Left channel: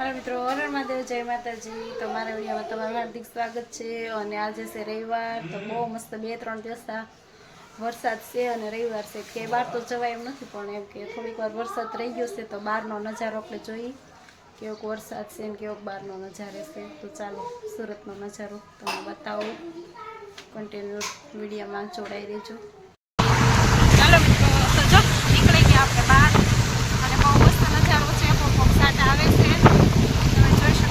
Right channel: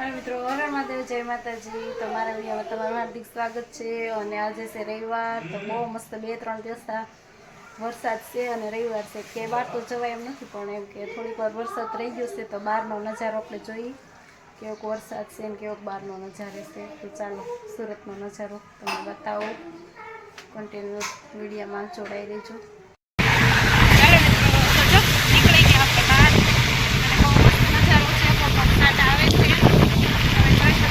હાલો મિત્રો હરણ મહાદેવ, જય માતાજી. તમારા વિડીયોમાં તમારું હાર્દિક સ્વાગત છે અને આજે છે રવિવાર, તો બહુ મસ્ત બે ત્રણ દિવસ વરસાદ છે અને રવિવાર છે. કે બહાર તો જવાય એમ નથી, પણ એમ કે થોડીક વાર વરસાદ રહી ગયો છે, તો બહારનો નજારો આપણે જોઈએ કેવોક વરસાદ છે ને કેવોક બહારનો નજારો છે. તો ચાલો, સુરતનો નજારો તમને બતાવો. કન્ટિન્યુ મીડિયામાં જોડાઈ દેજો ચાલો મિત્રો તો જો નીકળી ગયા આપણે બહાર અને બહુ મસ્ત નજારો છે બહુ વરસાદ આવે છે તમે જોઈ શકો છો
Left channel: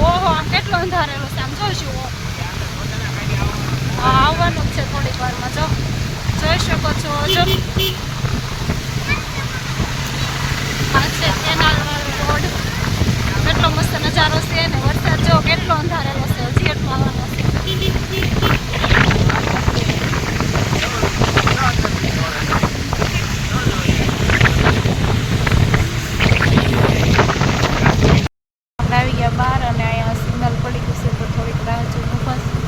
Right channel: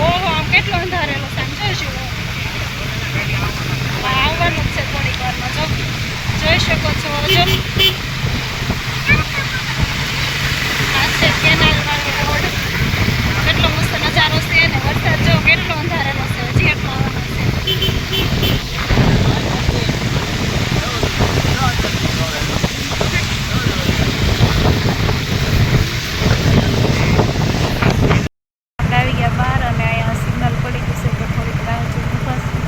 ઓહો આમ કેટલો અંધારેલો છે આમ જોઈશું હા આવવાનું જ છે થોડીક વારમાં, જો. જોઈ શકો છો, જો. છે કેનાલ વાળો રોડ. કેટલો મસ્ત નજારો છે ને, વરસાદ જો કેટલો અંધારેલો છે, હજી એક માવાનો છે આપણે આવી ગયા બહાર અને અહીંયા સિગ્નલ પડી ગયું છે તો થોડીક રાહ જોઈને ઊભા છે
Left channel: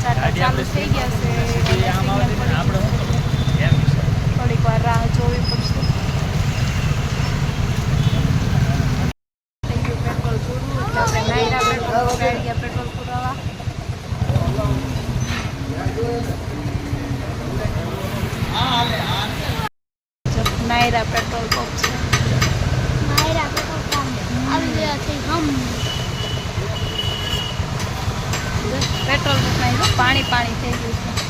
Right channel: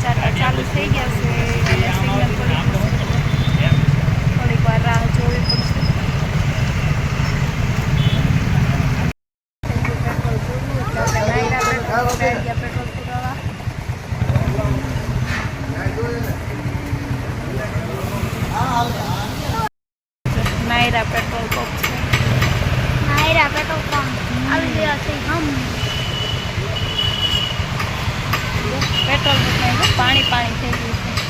ચાટા ચાલુ થઈ ગયા છે અને સિગ્નલ પડી ગયું છે થોડીક વાર રાહ જોવી પડશે થઈ ગયું પેટ્રોલ પૂરું એટલે આપણે નાયરા પેટ્રોલ પંપે આવી ગયા પેટ્રોલ પુરાવા જો નાયરા પેટ્રોલ પંપ છે. Nayara petrol pump. આવી ગયા છે હમ. પેટ્રોલ પંપમાં જો પાણી પાણી થઈ ગયું છે.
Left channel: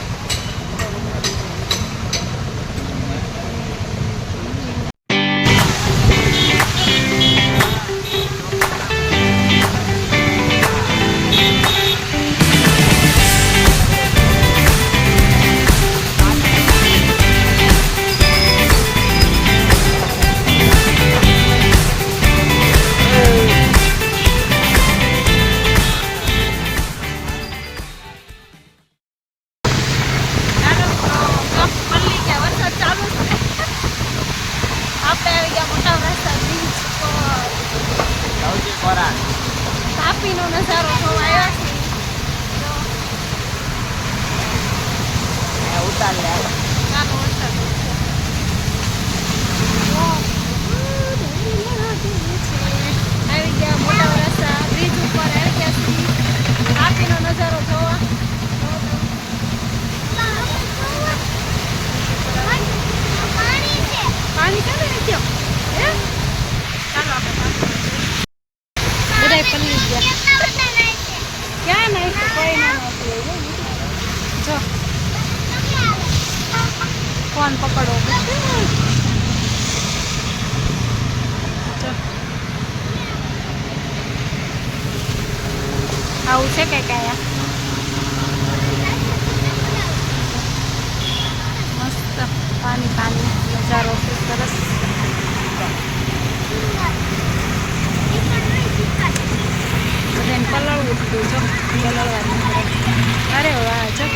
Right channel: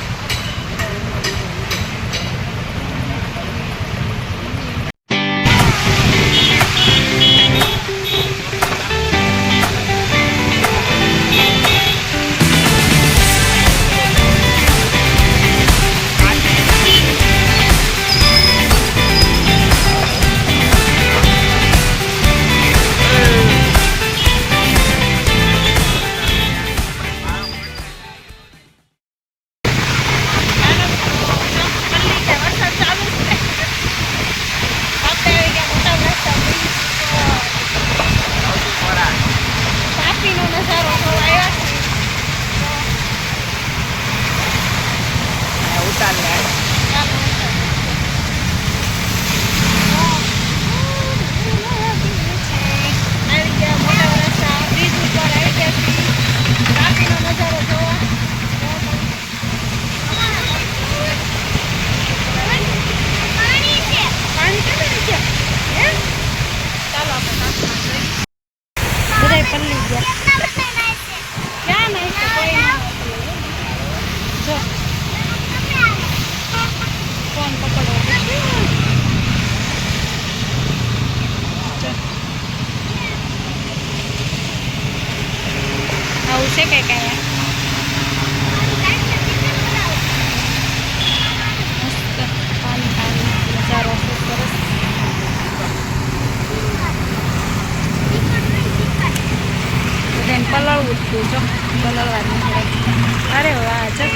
તાપીનો નજારો જોવા આવ્યા છે ઉતાર લે ચાલો વરસાદ આવી ગયા મોટા વરસા બ્રિજ ઉપર આવી ગયા છીએ તાપીનો નજારો જોવા પાણી ચાલે ને કેમ હે ચાલો આપણે તાપીમાં જોઈએ બધાય પલ્લી ગયા ક્યાં નહીં કોઈ જો ફોન જો. આવું છે કઈ કયા મસ્ત પાણી પાણી, નજારો છે સરસ બધાને પલળવું જ હતું જો પલળવા જ નીકળે અરે વાહ જો